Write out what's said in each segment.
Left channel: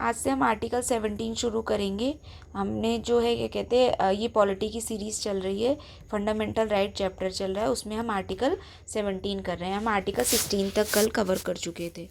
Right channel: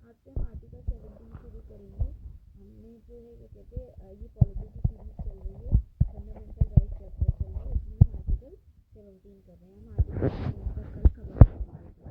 आज से हम आर्टिकल 17 शुरू करेंगे। हमने जो है क्या कहते हैं ये पॉलिटी की सीरीज़ चल रही है, फंडामेंटल राइट चैप्टर चल रहा है, उसमें हम आर्टिकल 17 कर रहे हैं। हम आर्टिकल 16 तक कल कवर कर चुके थे।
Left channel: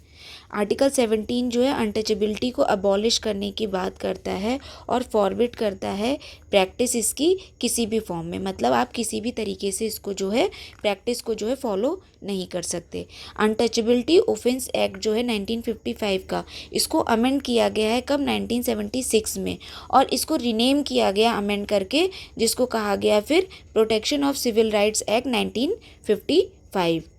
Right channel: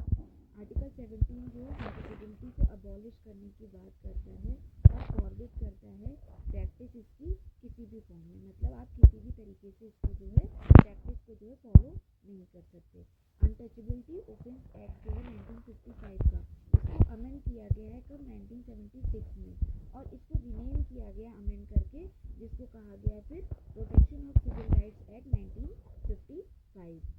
आर्टिकल 17 जो है अनटचेबिलिटी को अबॉलिश करने की बात करता है और फॉरबिड करता है प्रैक्टिस इसकी किसी भी फॉर्म में, मतलब आप किसी भी तरीके से इसको जो है प्रैक्टिस को जो है फॉलो नहीं कर सकते। अनटचेबिलिटी ऑफेंस एक्ट जो है 1955 का, इसको अमेंड किया गया है कब, 1976 में, और इसको रीनेम किया गया अमेंड करके, जिसको कहा गया फिर protection of civil rights act 1955।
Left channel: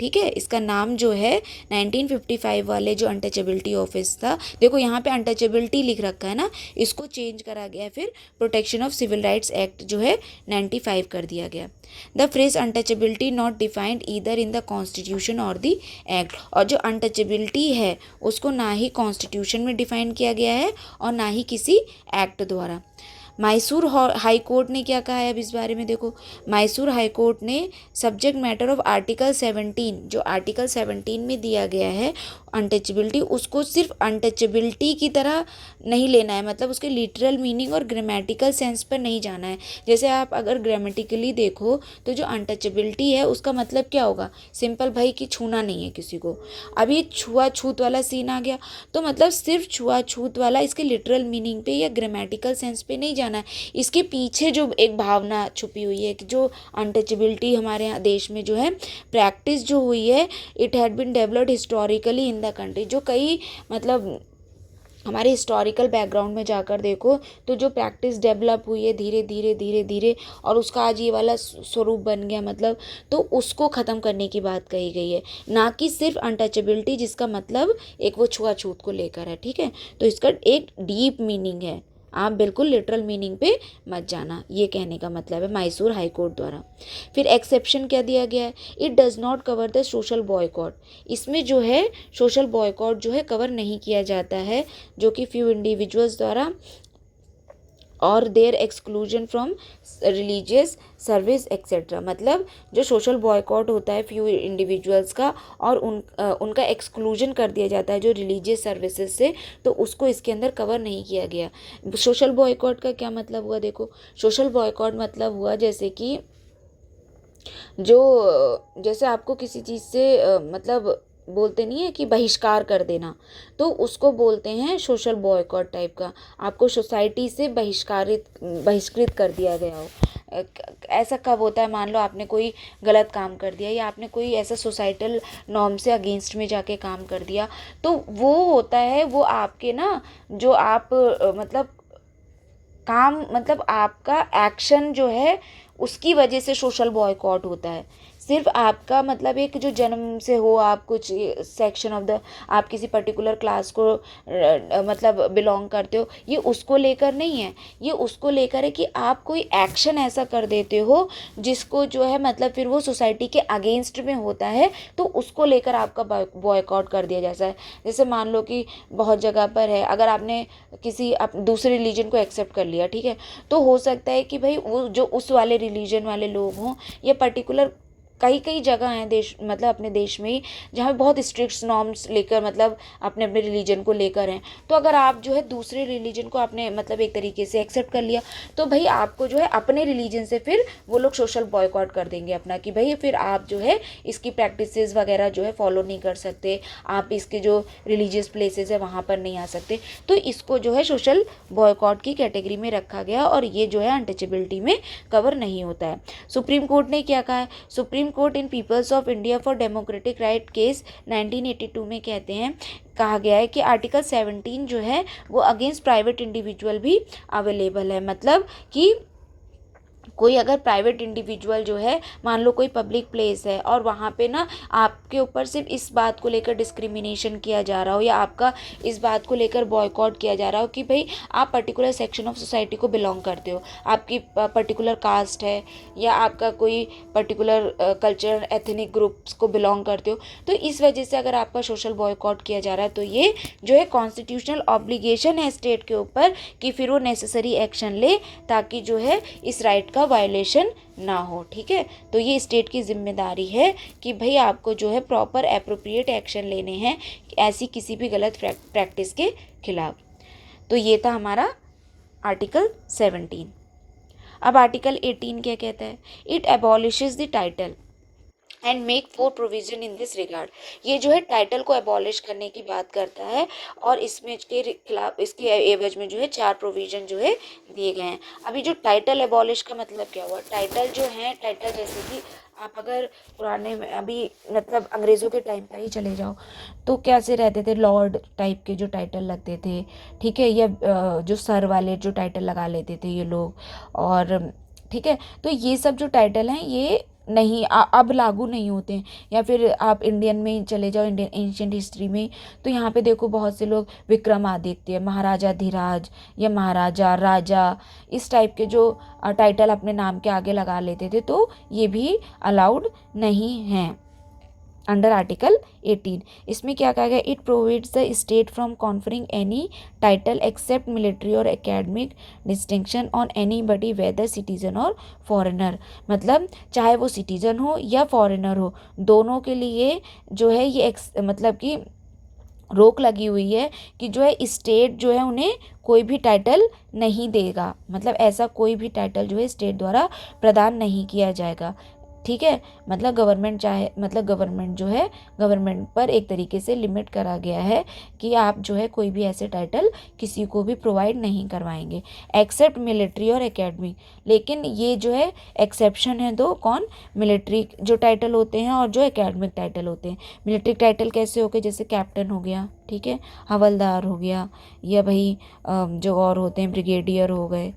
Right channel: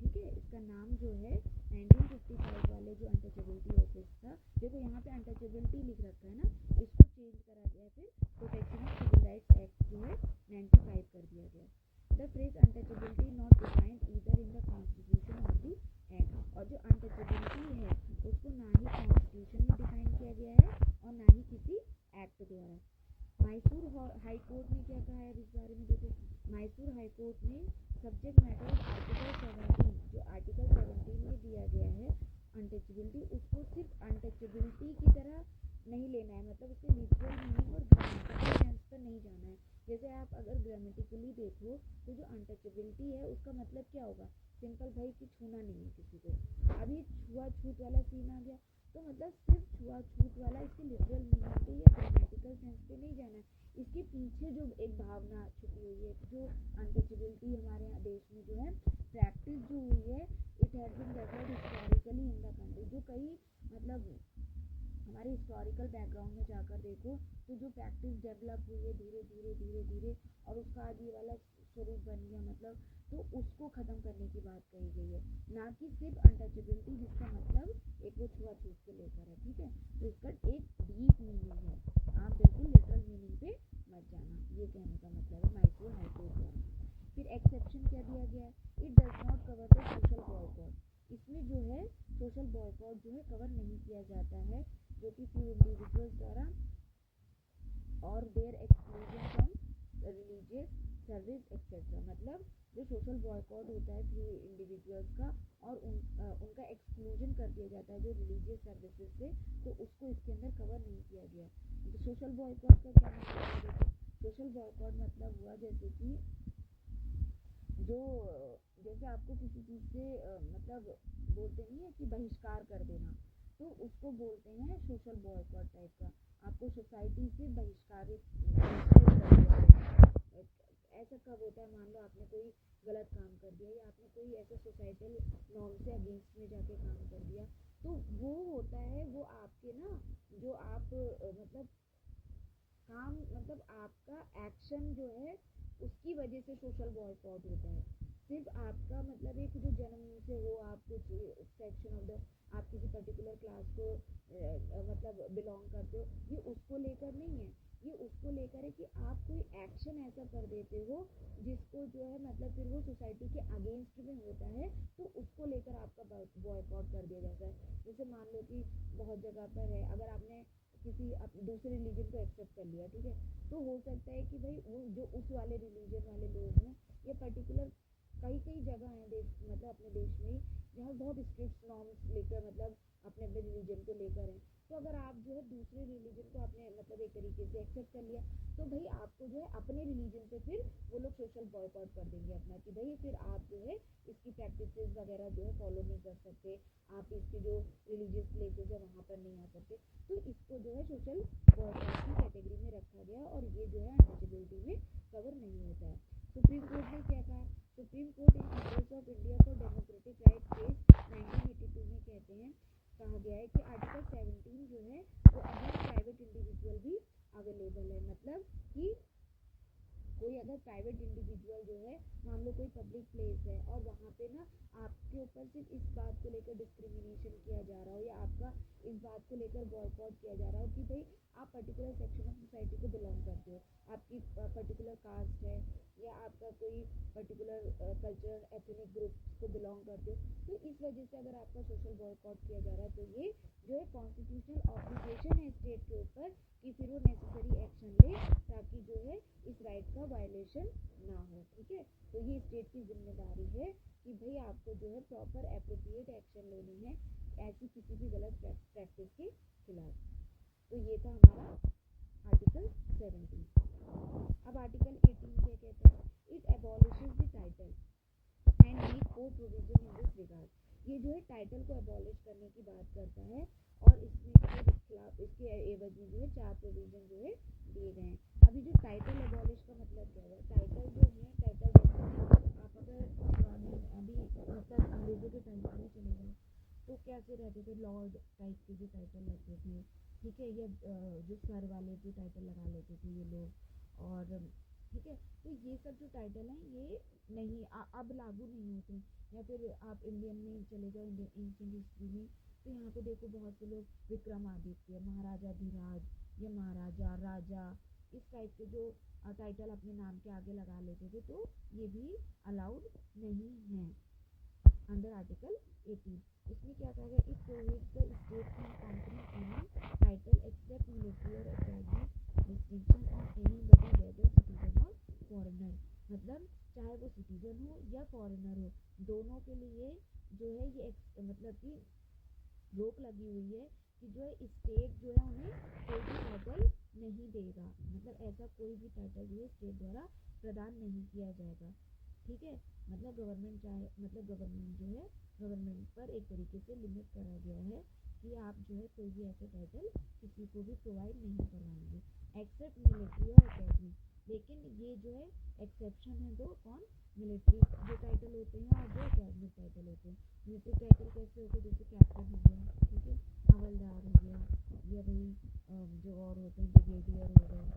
ठीक है, इसका नाम जो है 1955 वाले जो अनटचेबिलिटी ऑफिस था, देखो यहाँ पे अनटचेबिलिटी लिख रखा है ना, इसको चेंज करा गया, फिर protection of civil rights act जो है 95 कर दिया गया। The phrase untouchability not defined either in the constitution और द एक्ट, और जो अनटचेबिलिटी है उसको ना ही कॉन्स्टिट्यूशन में डिफाइन किया गया है और ना ही किसी एक्ट द्वारा। मैसूर हाई कोर्ट ने क्या कहा है अब इस बारे में देखो। मैसूर हाई कोर्ट ने सब्जेक्ट मैटर ऑफ आर्टिकल 17, जो आर्टिकल 17 में दिया गया है अनटचेबिलिटी, उसको सिर्फ अनटचेबिलिटी की तरह नहीं लेना है, मतलब उसके लिटरल मीनिंग और ग्रामेटिकल सेंस पर नहीं जाना है। जैसे आप अगर ग्रामेटिकली देखो तो जो अनटचेबिलिटी है उसका मतलब क्या होगा, सिंपल भाई कि छूना नहीं है किसी को। अब ये छुआछूत वाला सीन आ गया, तो मतलब सिर्फ छुआछूत वाला इसके लिटरल मीनिंग पे या ग्रामेटिकल सेंस पे नहीं जाना है, इसके पीछे जो एक भावना छुपी हुई है कि जो अनटचेबिलिटी हमारे यहाँ देश में जो है प्रैक्टिस जो हुई है, it had been developed historically in the country. जो कई मतलब हमारे हिस्टोरिकल बैकग्राउंड में जाकर देखो तो जो प्रैक्टिस डेवलप हुई है धीरे धीरे धीरे धीरे, और उसका आज ये वाला स्वरूप बन गया, मतलब तो उसको ख़त्म करने की बात कही गई है, ना कि सिर्फ अनटचेबिलिटी जिसका मतलब एक वो छुआछूत को लेकर है। ठीक है, तो इसका एक डीप मीनिंग है, आप बिल्कुल लिटरल मीनिंग पे मत जाना, ये कहने का मतलब है मैसूर हाई कोर्ट द्वारा। फिर एक्सेप्शन क्या दिया गया है, it does not cover the social boycott, इसमें जो है सोशल बॉयकॉट जो है कवर नहीं किया जाता है, जो कि फ्यू इंडिविजुअल्स द्वारा, और their exclusion from religious service etcetera, मतलब जो सोशल बॉयकॉट होता है फ्यू इंडिविजुअल्स का, और उनका एक्सक्लूजन कर दिया जाता है जो रिलीजियस सर्विसेज से, तो उसको इसके अंदर कवर नहीं किया गया। सोशल बॉयकॉट का क्या मतलब हुआ, देखो सोशल बॉयकॉट मतलब हुआ जैसे कि जैसे आपको किसी चीज़ से मतलब बोलते नहीं है कि बहिष्कार कर देना, तो उसको बोलते हैं सोशल बॉयकॉट टाइप का, आपको सोसाइटी से बहिष्कृत कर दिया गया हो। ऐसा कब होता है, मान लो आपने कोई गलत काम कर दिया या आपने कोई ऐसा सोसाइटल नॉर्म से अगेंस्ट में जाके काम कर दिया, तो वो होता है वो आपके ना जो आप मतलब काम, मतलब आपका एक्शन जो है उसकी वजह से सोशल बॉयकॉट होता है। सिर्फ आपका मतलब एक जो जन्म से हो, आप कुछ सेक्शन ऑफ द, आप किसी पर्टिकुलर क्लास को मतलब बिलोंग करते हो, ये उसको लेकर नहीं है, ये उसको लेकर है कि आप कोई एक्शन ऐसा कर देते हो जिसको जो है मतलब फिर वो सोसाइटी के अगेंस्ट में होता है, तो उसको लेकर आपका बॉयकॉट कर दिया जाता है। जैसे मान लो कि बहुत जगह पर है, अगर आपने किसी दूसरे रिलीजन को एक्सेप्ट कर लिया, ठीक है, तो हो सकता है कि भाई वो जो उस वाले रिलीजन वाले लोग हों, या पर्टिकुलर कई कई जगह हैं देश, मतलब अपने देश में ही, जहाँ बहुत स्ट्रिक्ट नॉर्म्स लेकर मतलब अपने अपने रिलीजन को लेकर हैं, तो अगर आप जो है दूसरे रिलीजन को आपने मतलब एक तरीके से एक्सेप्ट कर लिया, तो भाई आपको जो है अपने रिलीजन से फिर वो लोग सोशल बॉयकॉट कर देंगे अपना, कि भाई फिर आप जो है इसकी प्रैक्टिसेस वगैरह जो है फॉलो नहीं कर सकते, आप इसके जो रिलीजियस प्लेसेस है वहाँ पर नहीं आ सकते, तो इसको जो है सोशल बॉयकॉट की कैटेगरी में रखा गया, और ये जो है अनटचेबिलिटी में कवर नहीं होता है। सुप्रीम कोर्ट ने क्या कहा है, supreme court in people's of India for democratic right case 1982 में कहते हैं, कहा गया है कि आर्टिकल 17 जो है वो अगेंस्ट प्राइवेट इंडिविजुअल भी अवेलेबल है, मतलब कि कोई अगर प्राइवेट इंडिविजुअल जो है, मान लो कोई पब्लिक प्लेस है और वहाँ पे ना आपके ऊपर सिर्फ इस बात को लेकर डिस्क्रिमिनेशन किया जा रहा हो, या आपका इस बात को लेकर बॉयकॉट किया जा रहा हो कि भाई आप पर्टिकुलर सेक्शन ऑफ सोसाइटी को बिलोंग करते हो, आपकी पर्टिकुलर कास्ट है, या आपका कोई पर्टिकुलर कल्चर एथनिक ग्रुप्स को बिलोंग करते हो, तो इस वजह से अगर आपका सोशल बॉयकॉट किया जा रहा है, तो ये जो है कॉन्स्टिट्यूशनल ऑब्लिगेशन है स्टेट के ऊपर कि फिर वो नेसेसरी एक्शन ले, ताकि जो है इस राइट का वायलेशन ना हो। ठीक है, तो ये स्टेट की जिम्मेदारी है कि भाई आपको जो है प्रॉपर एप्रोप्रिएट एक्शन लेने हैं ऐसी किसी भी गलत प्रैक्टिस के खिलाफ। तो ये था हमारा आर्टिकल 17। अब आर्टिकल 18 क्या कहता है? It abolishes the title and make 4 provision in this regard. ये जो है टाइटल को एबॉलिश करने की बात करता है और इसमें के खिलाफ, इसके एवज में जो है 4 प्रोविजन जो है दिए गए हैं। अभी जो टाइटल एबॉलिश का मतलब क्या हुआ? टाइटल जो है, टाइटल जैसे कि आप अगर पुराने में अभी मतलब अंग्रेज़ों के टाइम पर ही चले जाओ तो कैसे रहते थे, लॉर्ड टाइप के जो टाइटल लगते थे, ठीक है, या जो सर वाले जो टाइटल लगा लेते थे ये लोग, और ठीक है, तो ये सब जो टाइटल हैं ये नहीं अब लागू नहीं होते हैं। या फिर आप इंडियन में चले जाओ, इंडियन एंशियंट हिस्ट्री में, तो यहाँ पे देखो बहुत से लोग विक्रमादित्य, महाराजा धीराज या महाराजा, राजा, इस टाइप के जो टाइटल अपने नाम के आगे लगा लेते थे, तो ये भी अलाउड नहीं हैं अंडर आर्टिकल 18। इसमें क्या कहा गया? It provides the state from conferring any title except military or academic distinction on any body whether citizen or foreigner. मतलब चाहे वो सिटीजन हो या फॉरेनर हो, दोनों के लिए जो है ये मतलब कि रोक लगी हुई है कि जो है स्टेट जो है उन्हें कोई भी टाइटल नहीं देगा। मतलब ऐसा कोई भी टाइटल जो है स्टेट द्वारा प्रदान नहीं किया जाएगा, ठीक है। मतलब गवर्नमेंट चाहे, मतलब गवर्नमेंट जो है, गवर्नमेंट पर एक तरीके से लिमिट करा गया है कि आप जो है कोई भी ऐसे टाइटल किसी को भी प्रोवाइड नहीं करवाएंगे एक्सेप्ट मिलिट्री और एकेडमिक। लेकिन ये जो है एक्सेप्शन है दो, कौन? मिलिट्री जो टाइटल होते हैं और जो एकेडमिक टाइटल होते हैं। मिलिट्री टाइटल कैसे हो गए? जैसे कैप्टन हो गया, ठीक है, हवलदार हो गया, या भाई जो और होते हैं ब्रिगेडियर हो गए,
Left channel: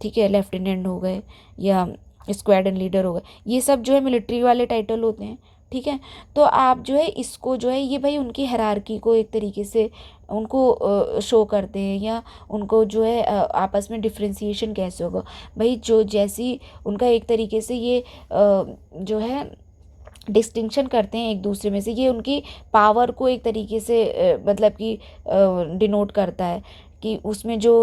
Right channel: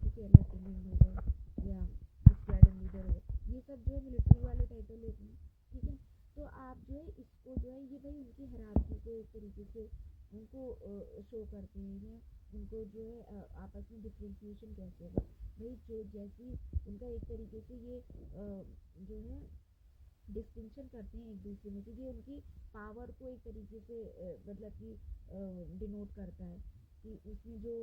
ठीक है, लेफ्टिनेंट हो गए, या स्क्वाड्रन लीडर हो गए, ये सब जो है मिलिट्री वाले टाइटल होते हैं, ठीक है। तो आप जो है इसको जो है ये भाई उनकी हायरार्की को एक तरीके से उनको शो करते हैं, या उनको जो है आपस में डिफ्रेंसिएशन कैसे होगा भाई, जो जैसी उनका एक तरीके से ये जो है डिस्टिंक्शन करते हैं एक दूसरे में से, ये उनकी पावर को एक तरीके से मतलब कि डिनोट करता है कि उसमें जो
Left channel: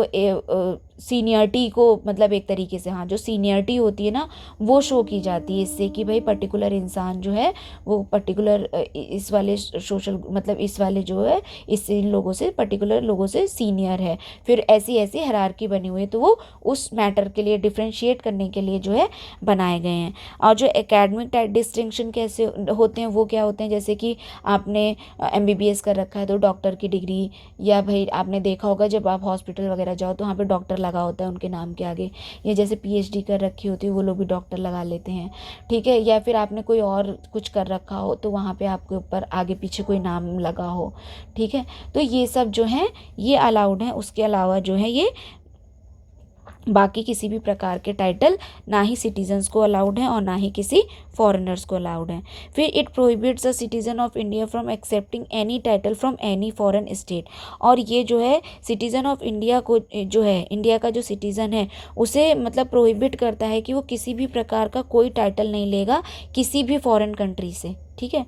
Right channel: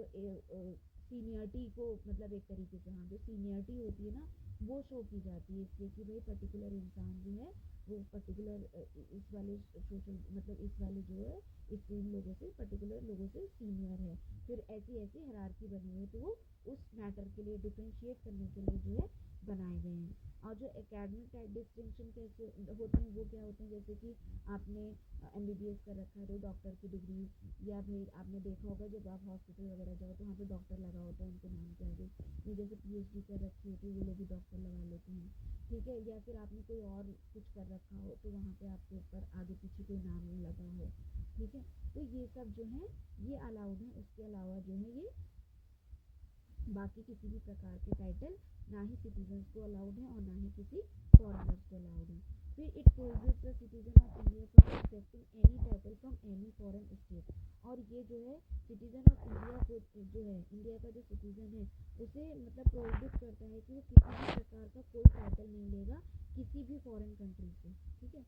सीनियरिटी को, मतलब एक तरीके से, हाँ, जो सीनियरिटी होती है ना, वो शो की जाती है इससे कि भाई पर्टिकुलर इंसान जो है वो पर्टिकुलर इस वाले सोशल, मतलब इस वाले जो है इस इन लोगों से, पर्टिकुलर लोगों से सीनियर है। फिर ऐसी ऐसी हायरार्की बनी हुई है, तो वो उस मैटर के लिए डिफ्रेंशिएट करने के लिए जो है बनाए गए हैं। और जो एकेडमिक डिस्टिंक्शन कैसे होते हैं, वो क्या होते हैं? जैसे कि आपने MBBS कर रखा है तो डॉक्टर की डिग्री, या भाई आपने देखा होगा जब आप हॉस्पिटल वगैरह जाओ तो वहाँ पे डॉक्टर लगा होता है उनके नाम के आगे, या जैसे PhD कर रखी होती है वो लोग भी डॉक्टर लगा लेते हैं, ठीक है। या फिर आपने कोई और कुछ कर रखा हो तो वहाँ पे आपके ऊपर आगे पीछे कोई नाम लगा हो, ठीक है। तो ये सब जो है ये अलाउड है। उसके अलावा जो है ये बाकी किसी भी प्रकार के टाइटल ना ही सिटीजन्स को अलाउड हैं और ना ही किसी फॉरेनर्स को अलाउड हैं। फिर it prohibits the citizen of India from accepting any title from any foreign state. और ये जो है सिटीज़न ऑफ इंडिया को, जो है इंडिया का जो सिटीज़न है उसे मतलब प्रोहिबिट करता है कि वो किसी भी प्रकार का कोई टाइटल नहीं लेगा किसी भी फॉरेन कंट्री से, ठीक है।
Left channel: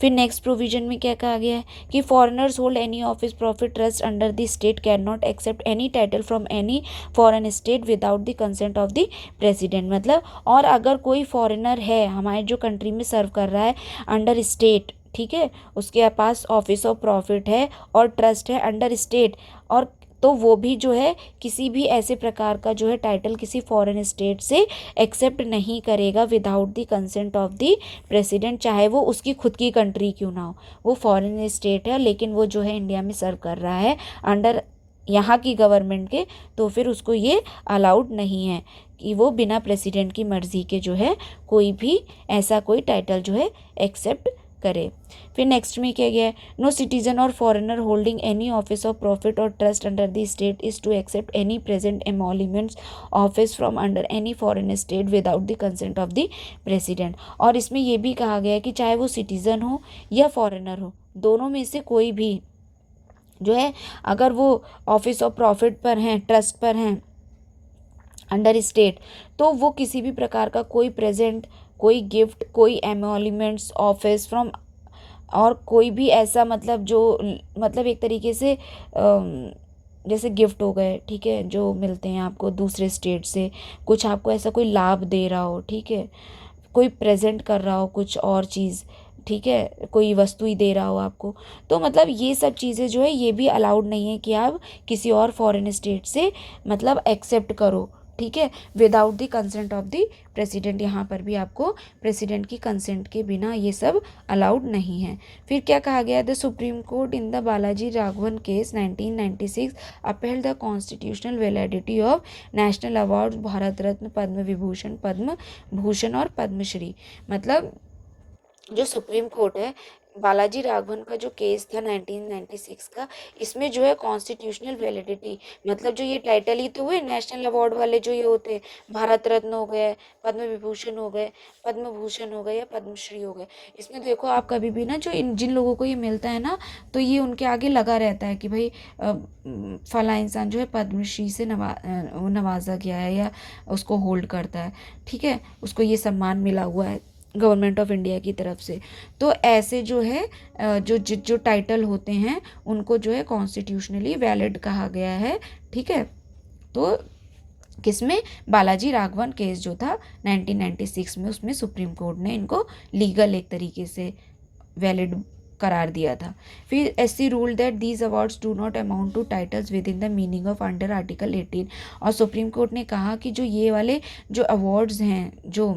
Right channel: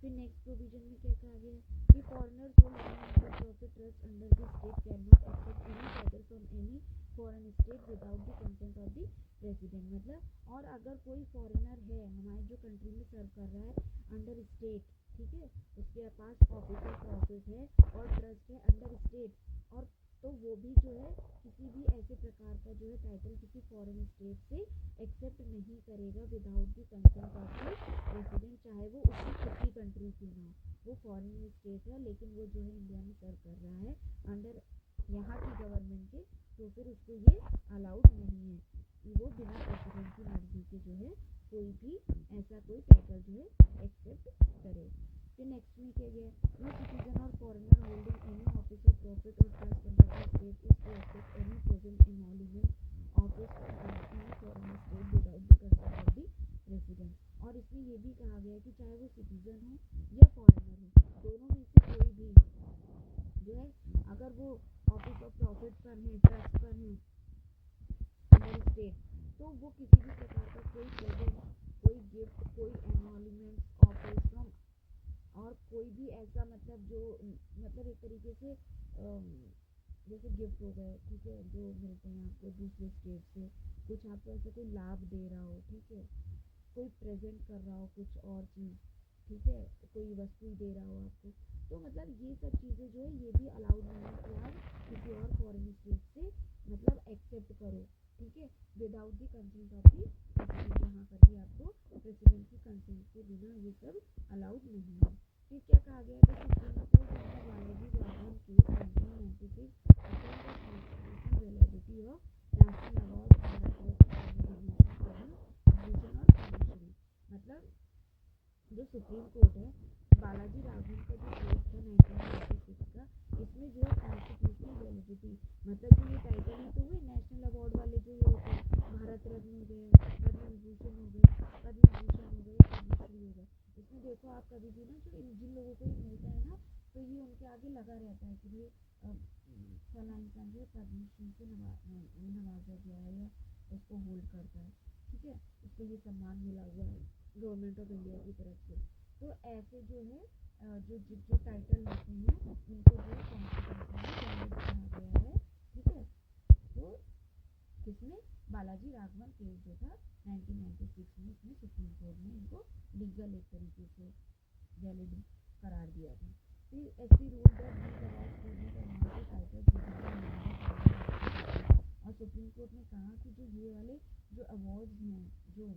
फिर नेक्स्ट प्रोविजन में क्या कहा गया है कि foreigners hold any office profit trust under the state can not accept any title from any foreign state without the consent of the president. मतलब और अगर कोई फॉरेनर है हमारे जो कंट्री में सर्व कर रहा है अंडर स्टेट, ठीक है, उसके पास ऑफिस ऑफ प्रॉफिट है और ट्रस्ट है अंडर स्टेट, और तो वो भी जो है किसी भी ऐसे प्रकार का जो है टाइटल किसी फॉरेन स्टेट से एक्सेप्ट नहीं करेगा without the consent of the president, चाहे वो उसकी खुद की कंट्री क्यों ना हो। वो फॉरेन स्टेट है लेकिन वो जो है इंडिया में सर्व कर रहा है अंडर यहाँ की गवर्नमेंट के, तो फिर उसको ये अलाउड नहीं है कि वो बिना प्रेसिडेंट की मर्ज़ी के जो है कोई भी ऐसा कोई टाइटल जो है एक्सेप्ट करे। फिर नेक्स्ट में क्या गया है, no citizen or foreigner holding any office of profit or trust under the state is to accept any present emoluments office from under any foreign state without the consent of the president. और इसमें यह भी कहा गया है कि चाहे वो सिटीजन हो या फॉरेनर हो, दोनों में से कोई भी जो है अगर वो ऑफिस ऑफ प्रॉफिट पर हैं, ट्रस्ट पर हैं अंडर स्टेट, तो वो किसी भी प्रकार का कोई प्रेजेंट, कोई गिफ्ट, कोई एमोल्यूमेंट्स ऑफिस फ्रॉम, और कोई भी ऐसा मतलब जो मतलब एक तरीके से जैसे गिफ्ट हो गए, ठीक है, जो मिलते हैं आपको दूसरे स्टेट से, कुछ आपको ऐसा कोई लाभ दे रहा हो, ठीक है, कोई प्रेजेंट कर रहा हो कुछ और चीज़, ठीक है, कोई वस्तु ही दे रहा हो आपको। तो मतलब ये सब चीज़ें जो है ये भी अलाउड नहीं है कि आप किसी और फॉरेन स्टेट से मतलब एक्सेप्ट करो, ठीक है, without the consent of the president. यहाँ पर भी आपको प्रेसिडेंट की कंसेंट के बिना ये सब अलाउड नहीं है। फिर क्या कहा गया, the supreme court in the Balaji Raghavan case 1996 upheld the constitutional validity of national award Bharat Ratna, Padma Vibhushan, Padma Bhushan और पद्मश्री। मतलब जो सुप्रीम कोर्ट है, बालाजी राघवन का जो केस था 1996 का, इसमें जो है कॉन्स्टिट्यूशनल वैलिडिटी, मतलब जो ये टाइटल ही तो हुए नेशनल अवार्ड वाले जो ये होते हैं, भारत रत्न हो गए, पद्म विभूषण हो गए, पद्म भूषण हो गए या पद्मश्री हो गए, इसमें देखो आप कभी भी ना जो जिन लोगों को ये मिलता है ना, तो ये उनके आगे लगा रहता है कि भाई फला इंसान जो है पद्मश्री से नवाजा गया है या उसको होल्ड करता है, ठीक है, उसको ये सम्मान मिला हुआ है गवर्नमेंट ऑफ इंडिया की तरफ से। तो ऐसे जो है जो टाइटल होते हैं उनको जो है कॉन्स्टिट्यूशनली वैलिड कहा गया है, ठीक है। तो किसमें, बालाजी राघवन केस जो था 1996 में, उसमें सुप्रीम कोर्ट ने इनको लीगल एक तरीके से वैलिड करार दिया था। फिर SC rule that these awards do not amount to titles within the meaning of under article 18। और सुप्रीम कोर्ट ने कहा कि जो ये वाले जो अवार्ड्स हैं, जो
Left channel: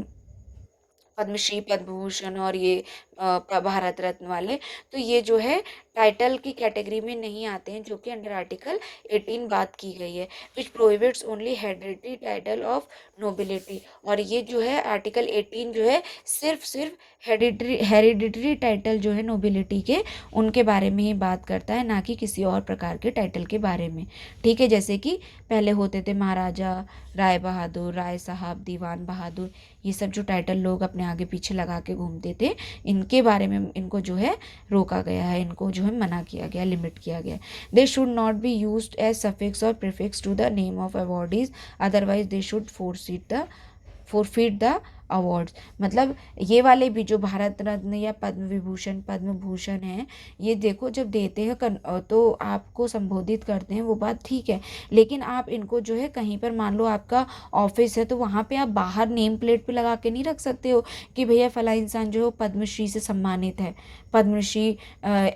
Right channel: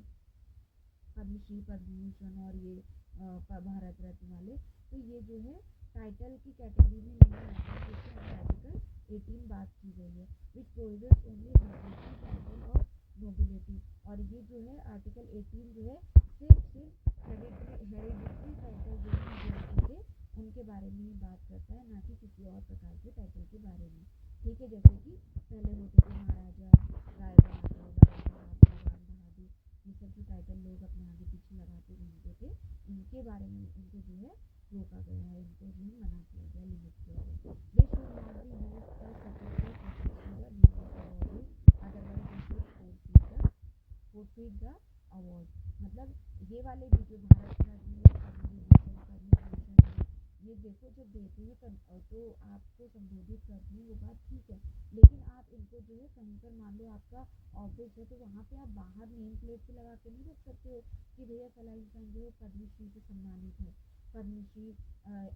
पद्मश्री, पद्म भूषण और ये भारत रत्न वाले, तो ये जो है टाइटल की कैटेगरी में नहीं आते हैं, जो कि अंडर आर्टिकल 18 बात की गई है, which prohibits only hereditary title of nobility. और ये जो है आर्टिकल 18 जो है सिर्फ हेरिडिटरी टाइटल जो है नोबिलिटी के, उनके बारे में ही बात करता है, ना कि किसी और प्रकार के टाइटल के बारे में, ठीक है। जैसे कि पहले होते थे महाराजा, राय बहादुर, राय साहब, दीवान बहादुर, ये सब जो टाइटल लोग अपने आगे पीछे लगा के घूमते थे, इनके बारे में इनको जो है रोका गया है, इनको जो है मना किया गया, लिमिट किया गया। They should not be used as suffix or prefix to the name of awardees, otherwise they should forfeit the awards. मतलब ये वाले भी जो भारत रत्न या पद्म विभूषण, पद्म भूषण है, ये देखो जब देते हैं तो आपको संबोधित करते हैं, वो बात ठीक है, लेकिन आप इनको जो है कहीं पर, मान लो आपका ऑफिस है, तो वहाँ पे आप बाहर नेम प्लेट पे लगा के नहीं रख सकते हो कि भैया फला इंसान जो है पद्मश्री से सम्मानित है, पद्मश्री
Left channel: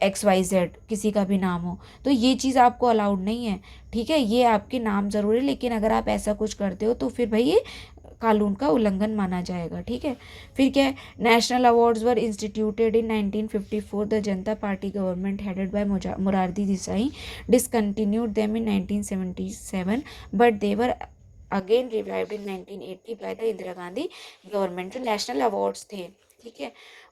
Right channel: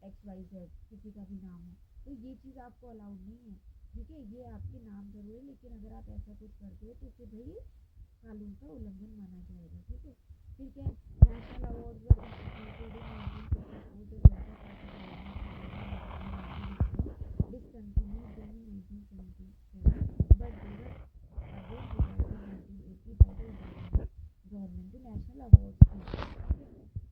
XYZ किसी का भी नाम हो, तो ये चीज़ आपको अलाउड नहीं है, ठीक है। ये आपके नाम ज़रूर है, लेकिन अगर आप ऐसा कुछ करते हो तो फिर भाई ये कानून का उल्लंघन माना जाएगा, ठीक है। फिर क्या है, national awards were instituted in 1954, the Janata party government headed by Morarji Desai discontinued them in 1977, but they were again revived in 1980 by the Indira Gandhi government. जो नेशनल अवार्ड्स थे, ठीक है,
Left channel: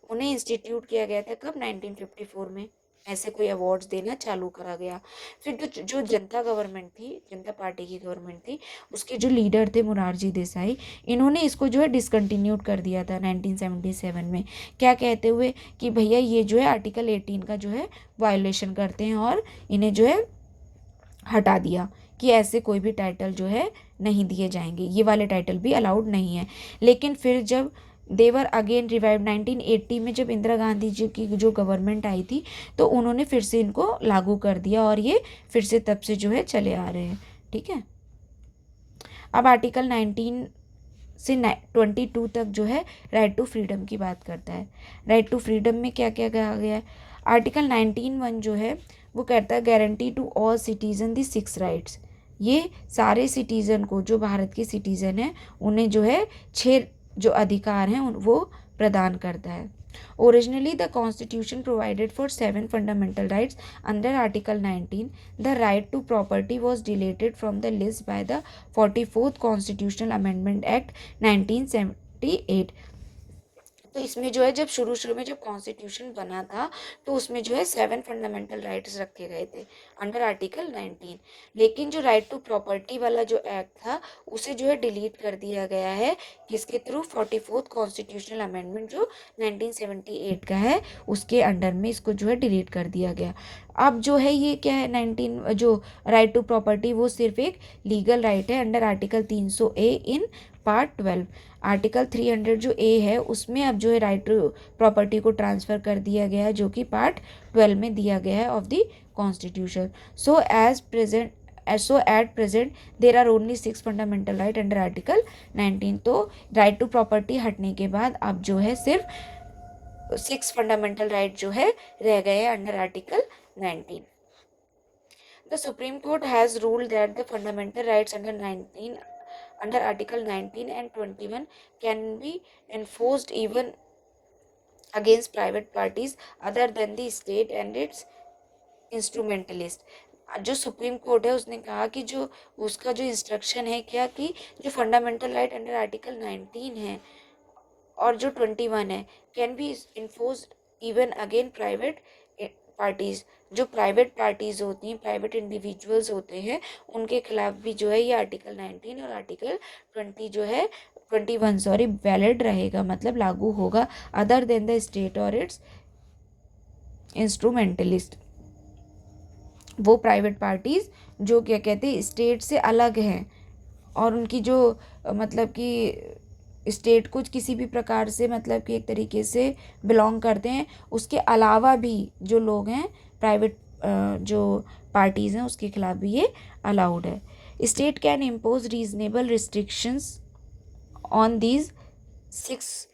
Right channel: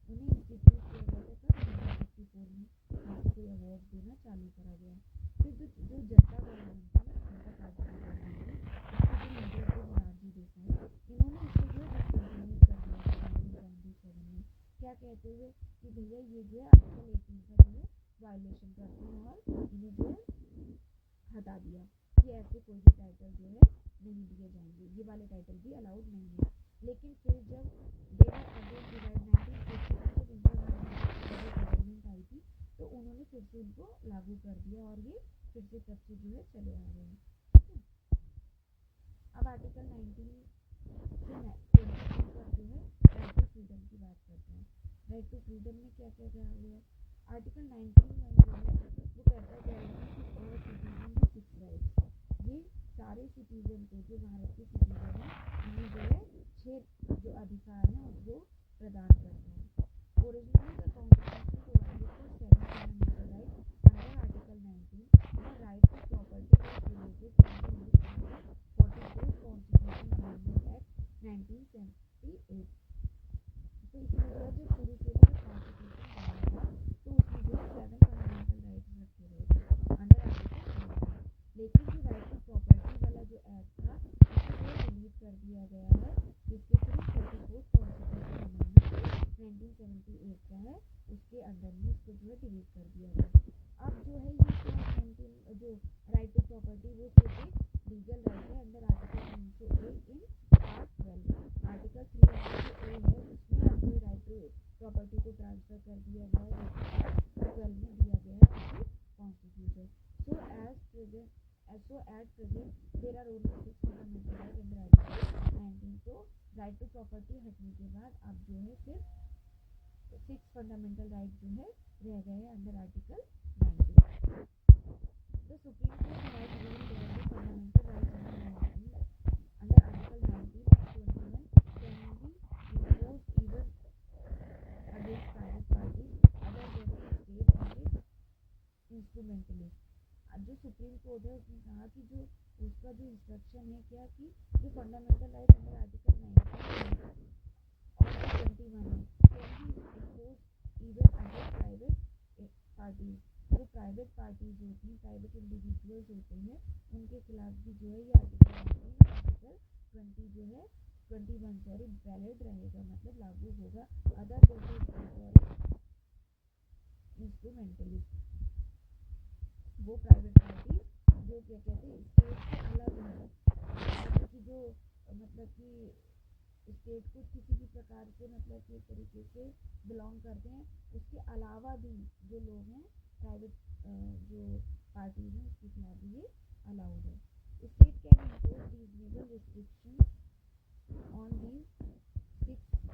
उन्हें इंस्टीट्यूट किया गया था कब, 1954 में, ऐसे कोई अवार्ड्स देना चालू करा गया। फिर जो जनता गवर्नमेंट थी, जनता पार्टी की गवर्नमेंट थी, उसके जो लीडर थे मोरारजी देसाई, इन्होंने इसको जो है डिसकंटिन्यूड कर दिया था 1977 में, क्या कहते हुए कि भैया ये जो है आर्टिकल 18 का जो है वायोलेशन करते हैं, और इन्हें जो है हटा दिया कि ऐसे कोई भी टाइटल जो है नहीं दिए जाएंगे, ये वाले टाइटल भी अलाउड नहीं है। लेकिन फिर जब देवर अगेन रिवाइव 1980 में, जब इंदिरा गांधी जी की जो गवर्नमेंट आई थी, तो उन्होंने फिर से इनको लागू कर दिया, और ये फिर से तब से जो है चले आ रहे हैं, ठीक है। अब आर्टिकल 19 से 22 तक जो है राइट टू फ्रीडम की बात करता है। राइट टू फ्रीडम में क्या क्या कहा गया है, आर्टिकल 19(1) जो है वो कहता है guarantee to all citizen the 6 rights. ये सारे सिटीज़न को, जो भारत के सिटीज़न हैं, उन्हें जो है 6 जो अधिकार हैं वो प्रदान करता है। Originally the constitution provided for 7 fundamental rights under article 19। The right to property was deleted from the list by the 44th constitutional amendment act 1978। तो इसमें जो है जब शुरू में जब कॉन्स्टिट्यूशन बना था, तो उसमें जो है 7 फंडामेंटल राइट्स रखे गए थे अंडर आर्टिकल 19। लेकिन जो राइट टू प्रॉपर्टी वाला जो एक्ट था, उसे जो है डिलीट कर दिया गया है, किसके थ्रू, 44th कॉन्स्टिट्यूशनल अमेंडमेंट जो 1978 का है, उसके अंडर में इसको जो है डिलीट कर दिया गया। अब जो है ये क्या है, 19 जो राइट टू प्रॉपर्टी, वो सिर्फ एक लीगल राइट है under article 300A in part 12। Article 300 जो ए है, उसमें अब जो है राइट टू प्रॉपर्टी को ट्रांसफ़र कर दिया गया है, जो कि पार्ट 12 में दिया गया है of the constitution. So at present there are only 6 fundamental right under article 19। तो राइट टू प्रॉपर्टी हटने के बाद अब जो है सिर्फ 6 फंडामेंटल राइट जो है रह गए हैं under article 19। The supreme court has ruled that the fundamental rights under article 19 and 21 can be enforced even against private parties other than the state and its instrumentalist। जो सुप्रीम कोर्ट है उसने कहा कि जो उसका जो इंस्ट्रक्शन है क्या कि जो फंडामेंटल राइट अंडर आर्टिकल 19 है और जो 21 है can be enforce even again private parties. जो प्राइवेट पार्टीज होती हैं, प्राइवेट इंडिविजुअल्स होते हैं, उनके खिलाफ भी जो है ये आर्टिकल 19 और आर्टिकल 20 जो है 21 सॉरी वैलिड रहेगा, मतलब लागू होगा, अदर देन द स्टेट और इट्स इंस्ट्रूमेंटलिस्ट। वो प्राइवेट पार्टीज जो क्या कहते हैं स्टेट से अलग हैं और उनकी जो मतलब कि स्टेट को किसी भी प्रकार से मतलब कि एक तरीके से बिलोंग करते हैं, उसके अलावा भी जो लोग हैं प्राइवेट जो पार्टीज़ हैं उसके खिलाफ भी ये अलाउड है। State can impose reasonable restrictions on these 6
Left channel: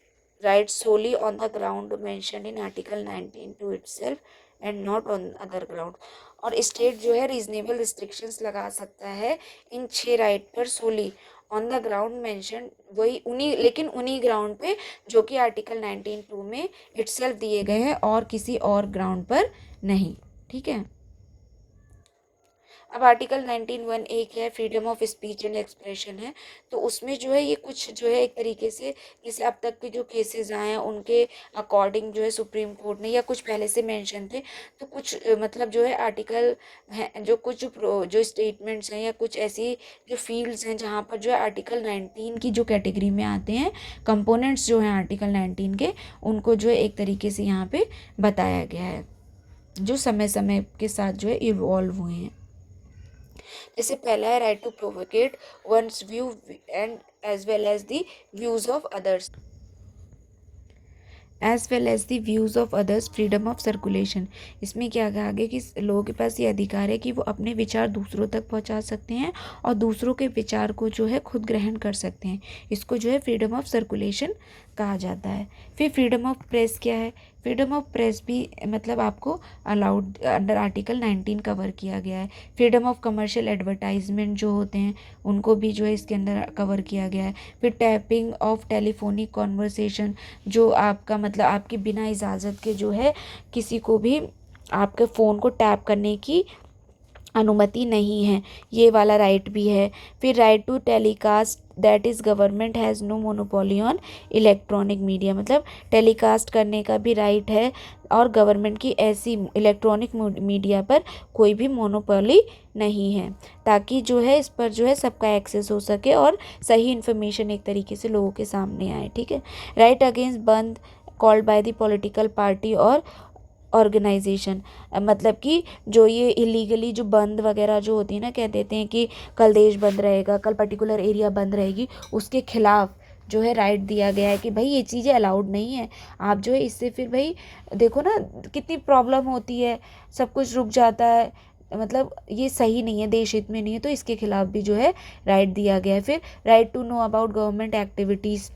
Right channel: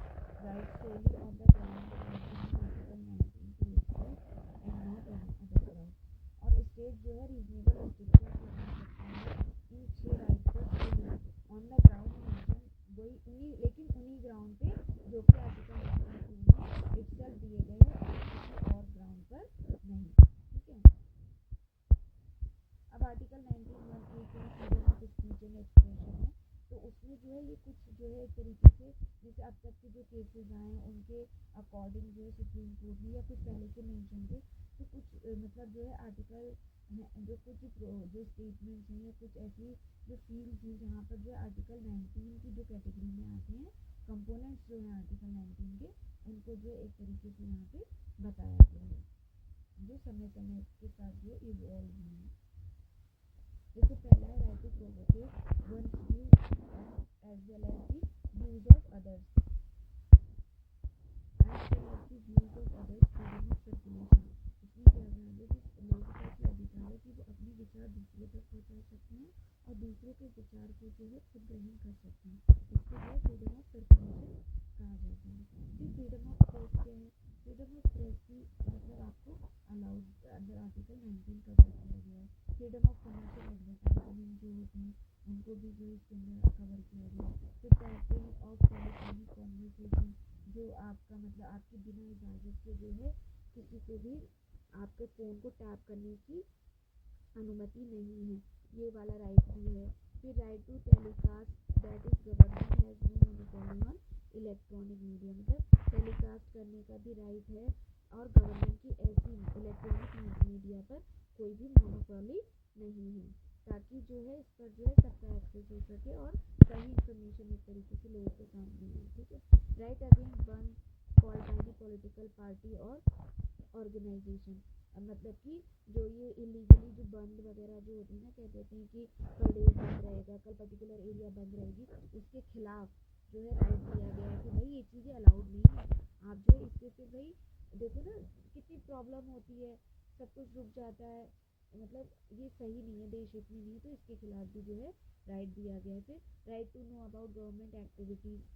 rights solely on the ground mentioned in article 19 two itself and not on other ground. और स्टेट जो है रीजनेबल रिस्ट्रिक्शंस लगा सकता है इन 6 राइट पर सोली ऑन द ग्राउंड मेंशन, वही उन्हीं ग्राउंड पे जो कि आर्टिकल 19(2) में इटसेल्फ दिए गए हैं और किसी और ग्राउंड पर नहीं। ठीक है। अब आर्टिकल 19(1) एक है freedom of speech and expression है, तो उसमें जो है ये कुछ जो है एक तरीके से जैसे अब तक के जो केसेस आए हैं उनके अकॉर्डिंग जो है सुप्रीम कोर्ट ने या कुछ पहले से मेंशन थे, तो कुछ मतलब जो है आर्टिकल है जो कुछ जो स्टेटमेंट्स हैं या कुछ ऐसी जो फील्ड्स हैं जहाँ पर जो है आर्टिकल 19 की जो कैटेगरी में आते हैं कंपोनेंट्स जो हैं आर्टिकल 19 के, उनको जो है एक तरीके से यहाँ पे बताया गया है जो समय समय के साथ जो है इवॉल्व हुए हैं। जैसे पहला है right to propagate one's view and as well as the views of others freedom of circulation. इसमें क्या कहा गया कि लोगों के पास ये अधिकार है कि वो अपने विचार दूसरों तक पहुंचा सकते हैं और दूसरों के विचार को जो है खुद ग्रहण कर सकते हैं, इसको जो है फ्रीडम ऑफ सर्कुलेशन कहा जाता है। फिर फ्रीडम ऑफ प्रेस क्या है? फ्रीडम ऑफ प्रेस भी मतलब आपको अलाउड अंडर आर्टिकल 19 कवर किया गया है। फ्रीडम ऑफ कमर्शियल एडवर्टाइजमेंट जो होते हैं उनको भी जो है इसके अंदर कवर किया गया है। फिर टैपिंग ऑफ टेलीफोनिक कॉन्वर्सेशन, जो आपका मतलब आपकी बिना इजाज़त के जो है किसी को भी आपके फ़ोन को टैप करने की अनुमति नहीं है, ये वाला राइट भी है। फिर right to telecast that is government has no monopoly on electronic media, मतलब टेलीकास्ट करने का भी राइट है और गवर्नमेंट की ऐसी इलेक्ट्रॉनिक मीडिया पर कोई भी मोनोपोली नहीं है, ताकि जो है इस पर जो है सबका एक्सेस हो सके और सही इन्फॉर्मेशन एक तरीके से लोगों के सामने आए। ठीक है। राइट अगेंस्ट बंद called by the political party और ऑर्गेनाइजेशन, मतलब कि जो ये इलीगली जो बंद वगैरह जो होती है ना, कह देते हैं कि कल देश बंद रहेगा, कल पर्टिकुलर एरिया बंद रहेगी, उसके खिलाफ जो है राइट दिया गया है कि भाई ये चीज़ें अलाउड नहीं है। आप जो है इससे फिर भाई देखो ना कितनी प्रॉब्लम होती है, सब कुछ रुक जाता है, मतलब ये सही नहीं है, देश हित में नहीं है, तो इसके खिलाफ भी जो है राइट दिया गया है। फिर right to know about government activities,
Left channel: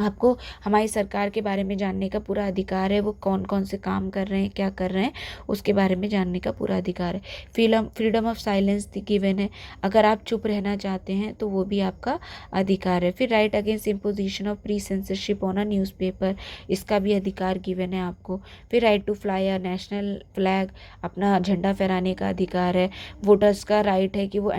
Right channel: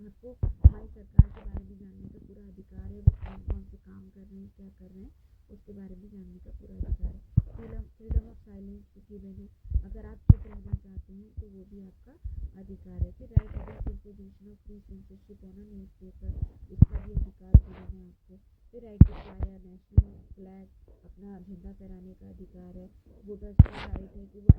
आपको हमारी सरकार के बारे में जानने का पूरा अधिकार है, वो कौन कौन से काम कर रहे हैं, क्या कर रहे हैं, उसके बारे में जानने का पूरा अधिकार है। फ्रीडम ऑफ साइलेंस गिवन है, अगर आप चुप रहना चाहते हैं तो वो भी आपका अधिकार है। फिर right against imposition of pre censorship on a newspaper, इसका भी अधिकार गिवन है आपको। फिर right to fly a national flag, अपना झंडा फहराने का अधिकार है। वोटर्स का राइट है कि वो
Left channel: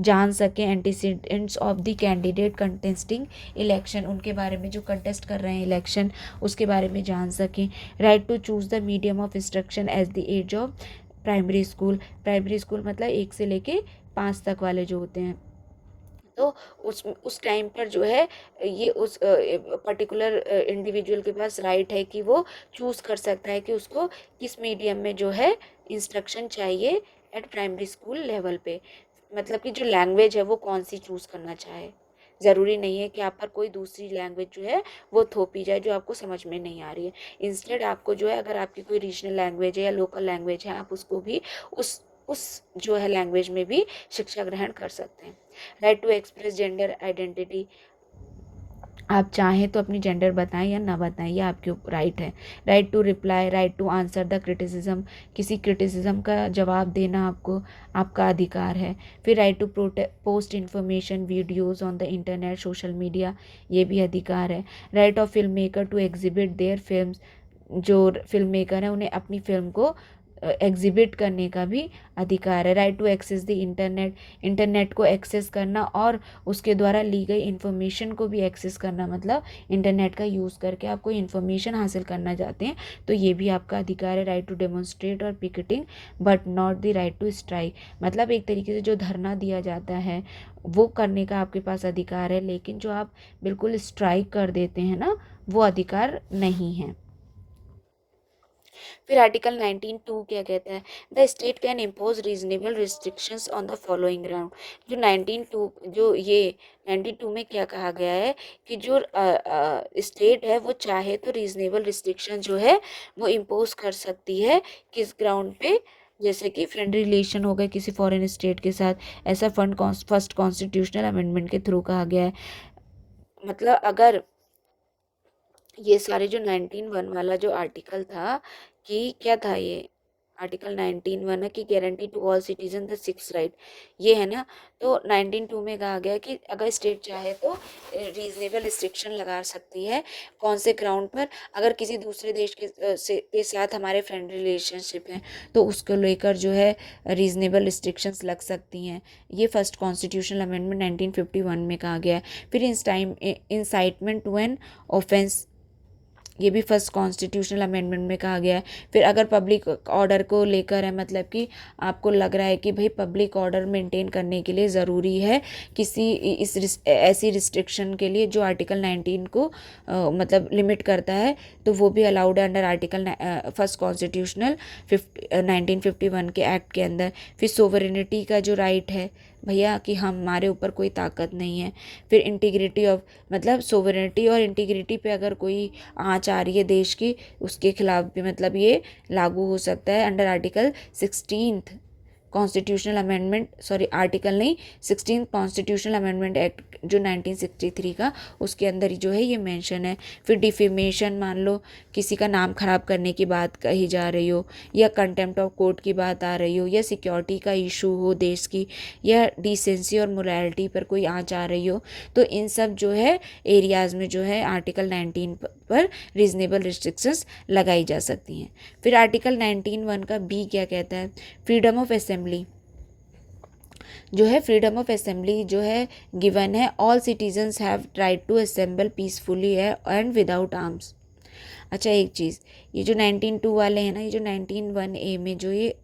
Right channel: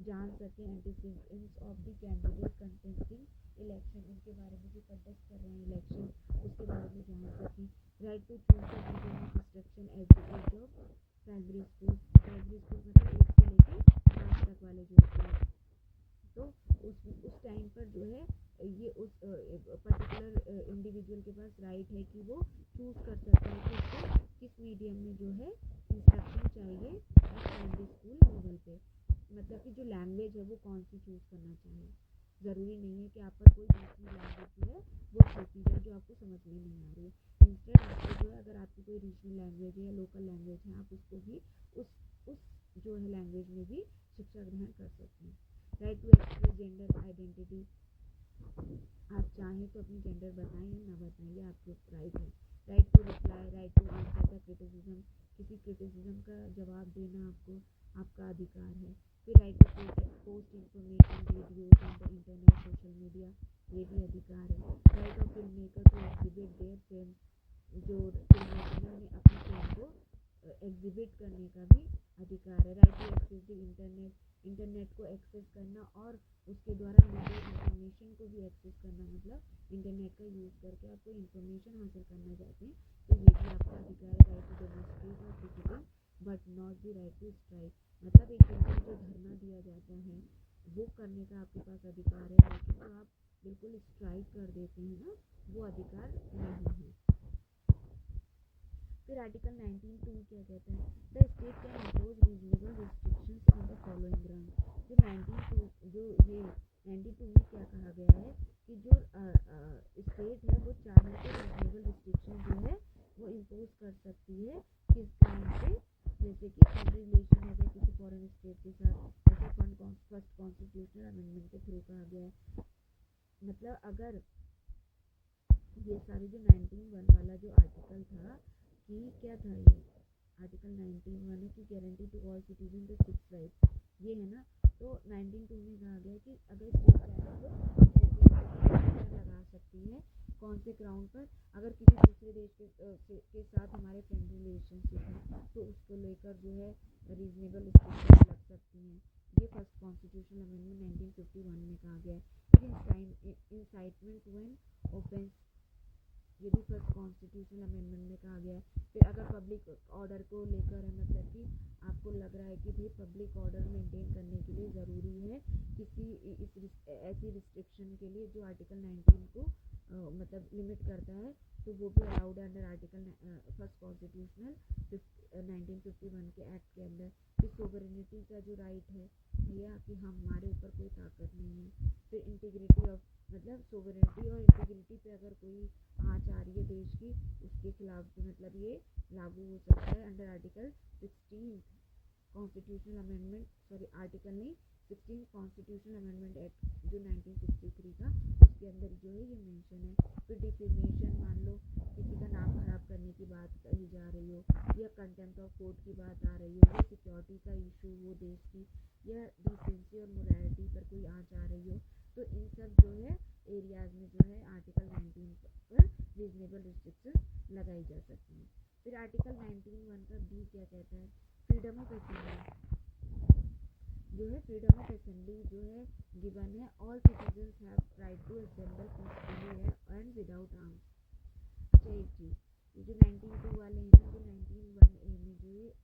जान सकें antecedents of the candidate contesting election, उनके बारे में जो कंटेस्ट कर रहे हैं इलेक्शन उसके बारे में जान सकें। Right to choose the medium of instruction as the age of primary school मतलब 1 से लेके 5 तक वाले जो होते हैं, तो उस टाइम पर जो है ये उस पर्टिकुलर इंडिविजुअल के पास राइट है कि वो चूज़ कर सकता है कि उसको किस मीडियम में जो है इंस्ट्रक्शन चाहिए एट प्राइमरी स्कूल लेवल पे, मतलब कि जो लैंग्वेज है वो कौन सी चूज़ करना चाहे। ज़रूरी नहीं है कि आप पर कोई दूसरी लैंग्वेज जो है वो थोपी जाए जो आपको समझ में नहीं आ रही है। इंस्टेड आपको जो है अगर आपकी कोई रीजनल लैंग्वेज है या लोकल लैंग्वेज है, आप उसको भी उस जो है लैंग्वेज में भी शिक्षा ग्रहण कर सकते हैं। Right to express gender identity, आप चाहें तो अपनी जेंडर बताएं या ना बताएं, ये आपके राइट है। Right to reply, right to answer the criticism, किसी क्रिटिसिज्म का जवाब देना आपको आपका अधिकार है। फिर right to post information videos on the internet social media, ये भी अधिकार है। Right of film maker to exhibit their films, जो फिल्म मेकर है उन्हें अपनी फिल्म को एग्जिबिट करने का भी अधिकार है। Right to access the internet, internet को एक्सेस करना और उसके द्वारा ली गई इन्फॉर्मेशन को भी एक्सेस करना, मतलब इंटरनेट का यूज़ करके आप कोई इन्फॉर्मेशन हासिल करना चाहते हैं तो ये भी आपका अधिकार है। राइट टू डेमोन्स्ट्रेट और picketing but not the right to strike, मतलब एक तरीके से जो धरना दिया जाता है वो करने का आपके पास अधिकार है, लेकिन जो आप बिल्कुल स्ट्राइक कर देते हैं ना, वो अधिकार नहीं है। फिर आर्टिकल 19(2) क्या कहता है, the state can impose reasonable restrictions on the following ground. जो 19(2) जो ये 19(2) में क्या कहा गया है कि जो स्टेट है वो चाहे तो रीजनेबल रिस्ट्रिक्शन जो है वो इम्पोज कर सकती है, किस ग्राउंड पे, जैसे कि फ्रेंडली रिलेशन हो गए किसी फॉरेन स्टेट के साथ, ऐसा फर्स्ट कॉन्स्टिट्यूशनल अमेंडमेंट के थ्रू कहा गया है। मतलब अगर ये सारे जो 19(1) वाला जो आर्टिकल था कि क्या था, ये आर्टिकल 19(1) है कि guarantee to all citizen the six right, ये है ना। तो 19(2) में कहा गया कि अगर स्टेट चाहे तो रीजनेबल रिस्ट्रिक्शन लगा सकती है, कौन से ग्राउंड पर, अगर किसी दूसरे देश के साथ हमारे फ्रेंड रिलेशनशिप हैं तो उसको लेकर जो है रीजनेबल रिस्ट्रिक्शंस लग सकती हैं। ये फर्स्ट कॉन्स्टिट्यूशनल अमेंडमेंट 1951 में कहा गया है। फिर इंसाइटमेंट टू एन ऑफेंस, ये भी फर्स्ट कॉन्स्टिट्यूशनल अमेंडमेंट में कहा गया है। फिर अगर पब्लिक ऑर्डर को लेकर है, मतलब कि आपको लग रहा है कि भाई पब्लिक ऑर्डर मेंटेन करने के लिए ज़रूरी है किसी ऐसी रिस्ट्रिक्शन के लिए जो आर्टिकल 19 को मतलब लिमिट करता है, तो वो भी अलाउड है अंडर आर्टिकल फर्स्ट कॉन्स्टिट्यूशनल 1951 के एक्ट के अंदर। फिर सोवरेनिटी का जो राइट है भैया कि हमारे ऊपर कोई ताकत नहीं है। फिर इंटीग्रिटी ऑफ, मतलब सोवरेनिटी और इंटीग्रिटी पे अगर कोई आँच आ रही है देश की, उसके खिलाफ भी मतलब ये लागू हो सकता है under article 16th constitutional amendment, sorry article नहीं, 16 कॉन्स्टिट्यूशनल अमेंडमेंट एक्ट जो 1963 का, उसके अंदर ही जो है ये मेंशन है। फिर डिफेमेशन, मान लो किसी का नाम खराब करने की बात कही जा रही हो, या कंटेम्प्ट ऑफ कोर्ट की बात आ रही हो, या सिक्योरिटी का इशू हो देश की, या डिसेंसी और मोरालिटी पर कोई आँच आ रही हो, तो इन सब जो है एरियाज़ में जो है आर्टिकल 19 पर रीजनेबल रिस्ट्रिक्शंस लगाई जा सकती हैं। फिर आर्टिकल 19(1) का बी क्या कहता है, फ्रीडम ऑफ असेंबली जो है, फ्रीडम ऑफ असेंबली जो है गिवन है, all citizens have right to assemble peacefully है एंड विदाउट आर्म्स। अच्छा एक चीज़, ये जो 19(2) वाले हैं ना, ये जो 19(1) में जो ये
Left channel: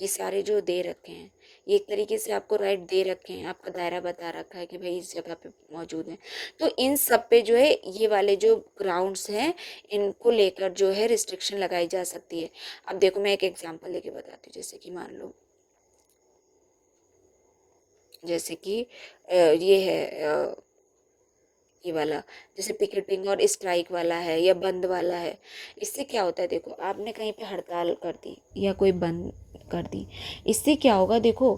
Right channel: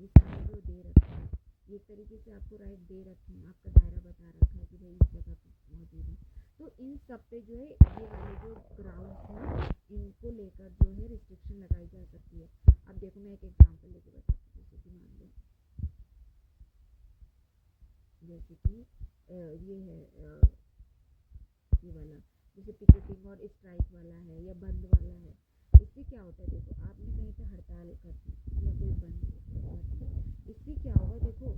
सारे जो दे रखे हैं, ये एक तरीके से आपको राइट दे रखे हैं, आपका दायरा बता रखा है कि भाई इस जगह पे मौजूद है, तो इन सब पे जो है ये वाले जो ग्राउंड्स हैं इनको लेकर जो है रिस्ट्रिक्शन लगाई जा सकती है। अब देखो मैं एक एग्जांपल लेके बताती हूँ, जैसे कि मान लो, जैसे कि ये है ये वाला, जैसे पिकेटिंग और स्ट्राइक वाला है या बंद वाला है। इससे क्या होता है, देखो आपने कहीं पे हड़ताल कर दी या कोई बंद कर दी, इससे क्या होगा, देखो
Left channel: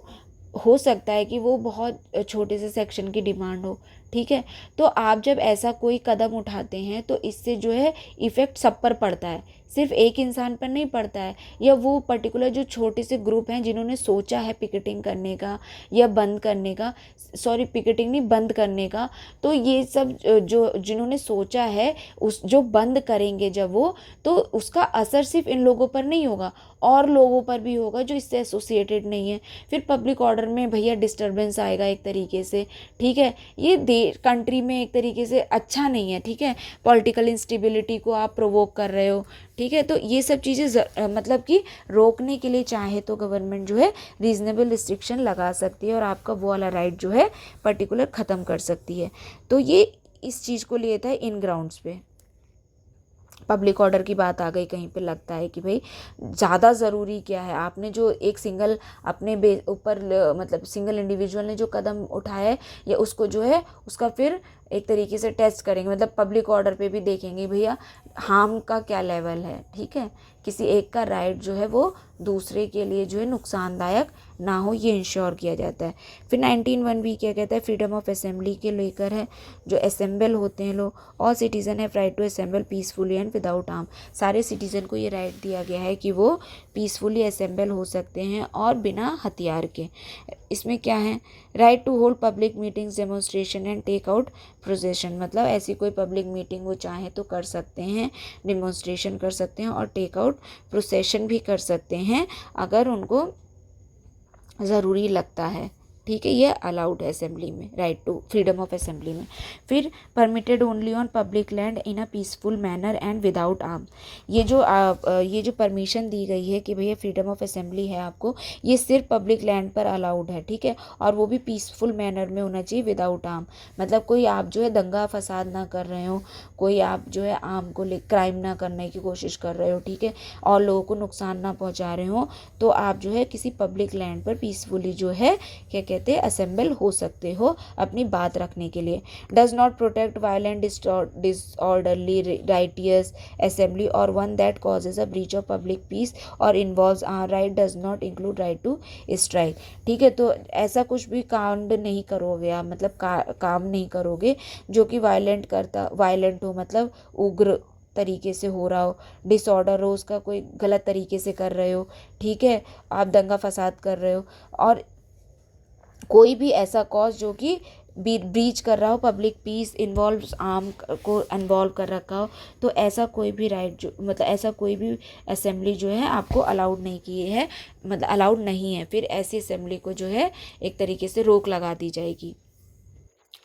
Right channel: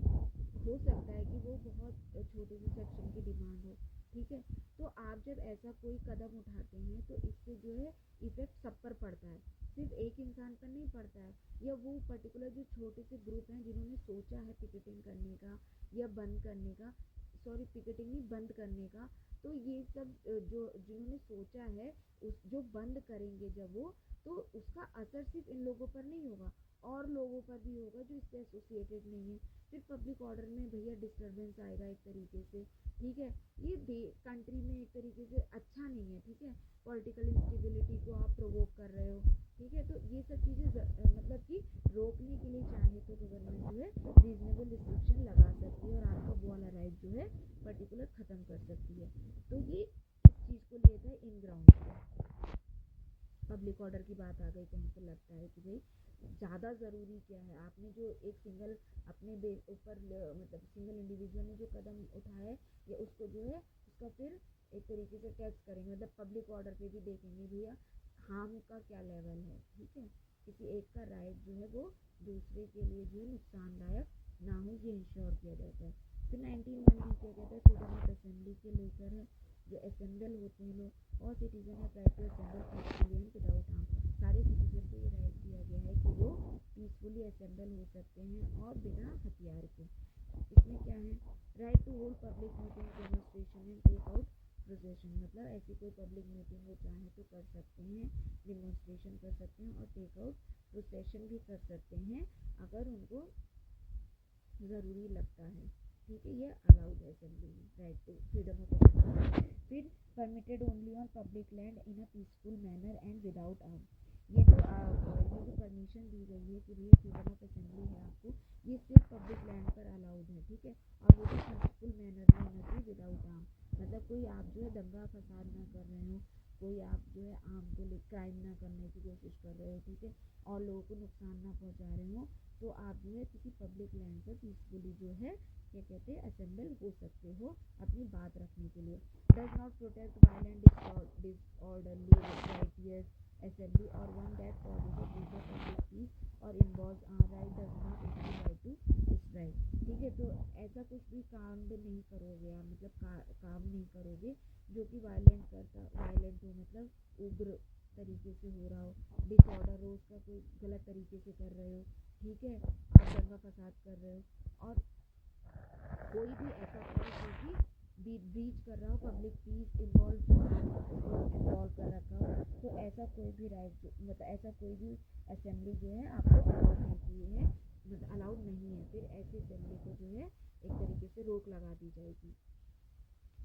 हो सकता है कि वो बहुत छोटे से सेक्शन की डिमांड हो, ठीक है, तो आप जब ऐसा कोई कदम उठाते हैं तो इससे जो है इफ़ेक्ट सब पर पड़ता है, सिर्फ एक इंसान पर नहीं पड़ता है, या वो पर्टिकुलर जो छोटे से ग्रुप हैं जिन्होंने सोचा है पिकेटिंग करने का या बंद करने का, सॉरी पिकेटिंग नहीं बंद करने का, तो ये सब जो जिन्होंने सोचा है उस जो बंद करेंगे जब वो, तो उसका असर सिर्फ इन लोगों पर नहीं होगा, और लोगों पर भी होगा जो इससे एसोसिएटेड नहीं है। फिर पब्लिक ऑर्डर में भैया डिस्टर्बेंस आएगा एक तरीके से, ठीक है, ये कंट्री में एक तरीके से अच्छा नहीं है, ठीक है, पॉलिटिकल इंस्टेबिलिटी को आप प्रोवोक कर रहे हो, ठीक है, तो ये सब चीज़ें मतलब कि रोकने के लिए चाहे तो गवर्नमेंट जो है रीजनेबल रिस्ट्रिक्शन लगा सकती है और आपका वो वाला राइट जो है पर्टिकुलर ख़त्म कर सकती है। तो ये इस चीज़ को लेता है इन ग्राउंड्स पे। पब्लिक ऑर्डर की बात आ गई कहीं पे, लगता है कि भाई ज़्यादा ज़रूरी क्या है, आपने जो एक सिंगल अपने ऊपर मतलब सिंगल इंडिविजुअल ने जो कदम उठाया है या उसको जो है उसका फिर एक तरीके से टेस्ट करेंगे, मतलब पब्लिक ऑर्डर पे भी देखेंगे भैया हार्म का क्या लेवल है, ठीक है, किसी एक का राइट जो है वो दूसरे के लिए जो है नुकसानदायक ना हो, ये इंश्योर किया जाता है। फिर 19(1) भी क्या कहता है, फ्रीडम ऑफ असेंबली के लेकर है, जो असेंबल होते हैं लोग, all citizen have right to assemble peacefully and without arm. सारे सिटीजन को ये राइट दिया गया है कि वो पीसफुली असेंबल हो सकते हैं और बिना हथियार के। इसमें क्या है, right to hold public meetings, demonstration and take out procession, मतलब ऐसी कोई पब्लिक मीटिंग वो चाहे तो कर सकते हैं, डेमोन्स्ट्रेशन कर सकते हैं और टेक आउट प्रोसेशन भी कर सकते हैं अगर उनको ज़रूरी लगता है, ठीक है, ये अलाउड है असेंबली में, right to freedom of assembly में। फिर permitted only on public land in a peaceful manner and without arm. ये जो परमिशन दी गई है कि भैया फ्रीडम ऑफ असेंबली है आपको, ये सिर्फ पब्लिक लैंड पर अलाउड है, ठीक है, और वो भी पीसफुल मैनर में होना चाहिए, विदाउट आर्म। मतलब कोई आप जो है दंगा फसाद ना कर रहे हो, कोई आप जो है आर्म को ले क्राइम ना करने की कोशिश कर रहे हो, ठीक है, और लोगों को नुकसान ना पहुँचा रहे हो, तो आप जो है किसी पब्लिक लैंड पर पीसफुली जो है क्या कहते हैं असेंबल हो सकते हो अपनी बात रखने के लिए। Does not protect violent disorderly riotous assembly or one that causes a breach of public peace or involves आर right does not include right to strike, ठीक है। तो ऐसा कुछ भी कांड नहीं करोगे आप, मतलब काम नहीं करोगे जो कि वायलेंट हो, मतलब उग्र तरीके से हो रहा हो, डिसऑर्डर हो, उसका कोई गलत तरीके से कर रहे हो, ठीक है, आप दंगा फसाद कर रहे हो, और कोई भी ऐसा कॉज जो कि ब्रीच कर रहा हो पब्लिक पीस, इन्वॉल्व आर्म को इन्वॉल्व कर रखा हो, तो ऐसा कोई भी राइट जो मतलब ऐसा कोई भी असेंबली जो है आपको अलाउड नहीं की है, मतलब अलाउड नहीं है, फिर ऐसी असेंबली को जो है एक तरीके से रोक लगा दी जाएगी,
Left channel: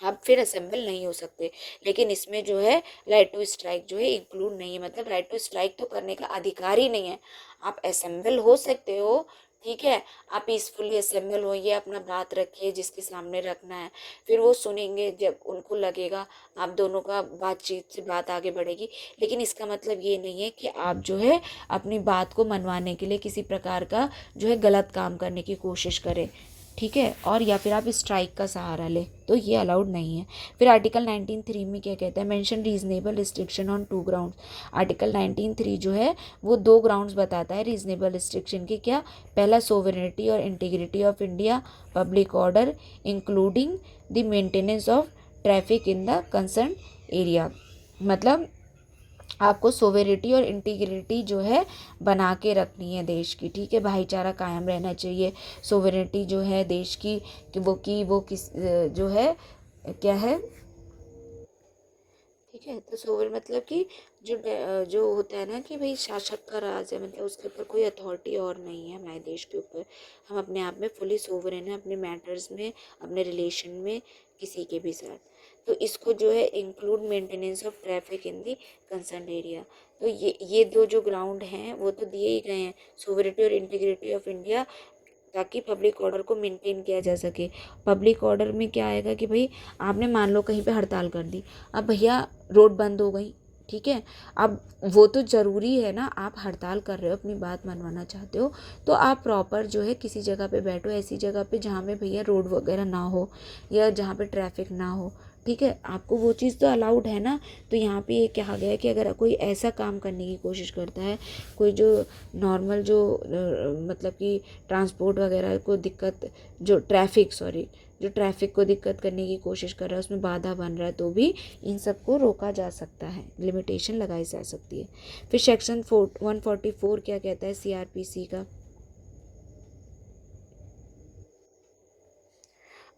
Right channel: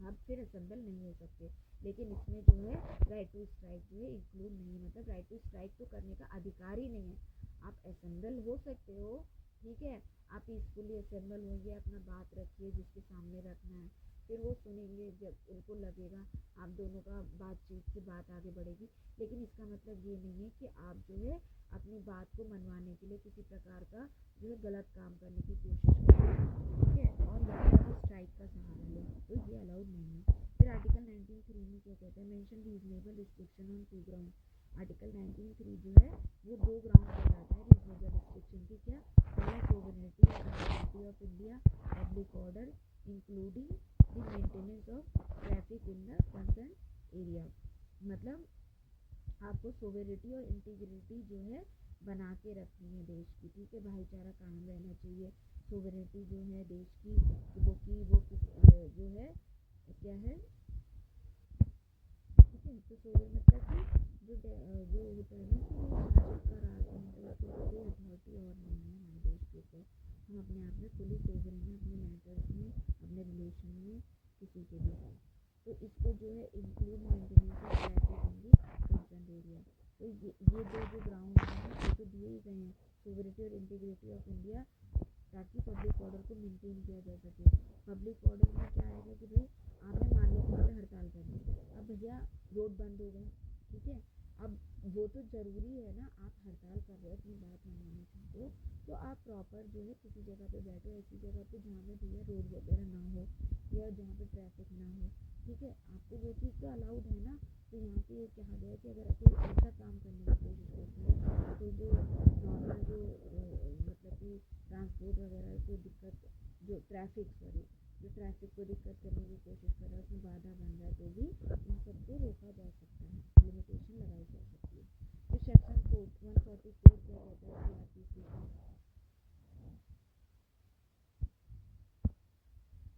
आप फिर असेंबल नहीं हो सकते। लेकिन इसमें जो है राइट टू स्ट्राइक जो है इंक्लूड नहीं है, मतलब राइट टू स्ट्राइक तो करने का अधिकार ही नहीं है, आप असेंबल हो सकते हो, ठीक है, आप पीसफुली असेंबल होइए, अपना बात रखिए जिसके सामने रखना है, फिर वो सुनेंगे, जब उनको लगेगा आप दोनों का बातचीत से बात आगे बढ़ेगी। लेकिन इसका मतलब ये नहीं है कि आप जो है अपनी बात को मनवाने के लिए किसी प्रकार का जो है गलत काम करने की कोशिश करें, ठीक है, और या फिर आप स्ट्राइक का सहारा लें, तो ये अलाउड नहीं है। फिर आर्टिकल 19(3) में क्या कहता है, mention reasonable restriction on 2 grounds. Article 19(3) जो है वो 2 ग्राउंड्स बताता है रीजनेबल रिस्ट्रिक्शन के, क्या, पहला सोवरेनिटी और integrity of India, public order including the maintenance of traffic in the concern area, मतलब आपको सोवेरिटी और इंटीग्रिटी जो है बना के रखनी है देश की, ठीक है, भाईचारा कायम रहना चाहिए, सोवेरिटी जो है देश की कि वो किस जो है क्या है, ठीक है, तो सोवर मतलब कि जो होता है ना कि भाई शासक का राज है, मतलब उसके ऊपर कोई अथॉरिटी और नहीं है हमारे देश के ऊपर, हम अपने आप में फुली सोवरेन है अपने मैटर्स में, अपने रिलेशन में किसी के भी साथ। तो इसको जो है include maintenance of traffic in the concern area, तो ये दो जो ग्राउंड हैं वो तो दिए ही गए हैं, सोवरेनिटी और इंटीग्रिटी ऑफ इंडिया, ताकि पब्लिक ऑर्डर को मेंटेन किया जा सके। पब्लिक ऑर्डर में क्या आएगा कि भाई आपने मान लो कहीं पे हड़ताल कर दी, अब भैया रोड बंद हो गई, ठीक है, अब वो तो ज़रूरी है ना, आप हड़ताल कर रहे हो अपनी बात मनवाना चाहते हो, तो आप प्रॉपर जो है किसी जगह पे बैठो, ऐसी जगह पे जहाँ पे भैया रोड वगैरह ना हो या जहाँ पे ट्रैफिक ना हो, ठीक है, आपको वो चीज़ तो अलाउड है ना। तो यहाँ पे ये कहा गया है कि अगर कोई ऐसा काम करने की कोशिश करता है, कोई जो नॉर्मल जो मतलब कि ट्रांसपोर्ट वगैरह को दिक्कत, जो ट्रैफिक को दिक्कत करने की कोशिश कर रहा है, उसमें बाधा बन रहा है, तो भी इन सबको रोका जा सकता है, लिमिटेशन लगाई जा सकती है। फिर सेक्शन 144 क्या कहता है CRPC का,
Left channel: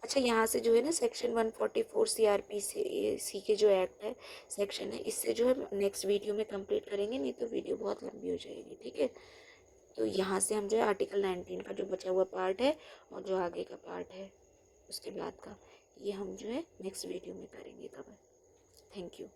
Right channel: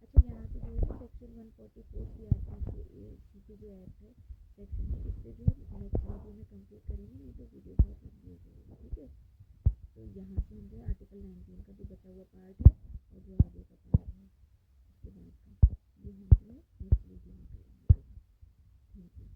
अच्छा यहाँ से जो है ना सेक्शन 144 CRPC के जो एक्ट है, सेक्शन है, इससे जो है नेक्स्ट वीडियो में कंप्लीट करेंगे, नहीं तो वीडियो बहुत लंबी हो जाएगी, ठीक है। तो यहाँ से हम जो है आर्टिकल 19 का जो बचा हुआ पार्ट है और जो आगे का पार्ट है उसके बाद का, ये हम जो है नेक्स्ट वीडियो में करेंगे कवर। Thank you.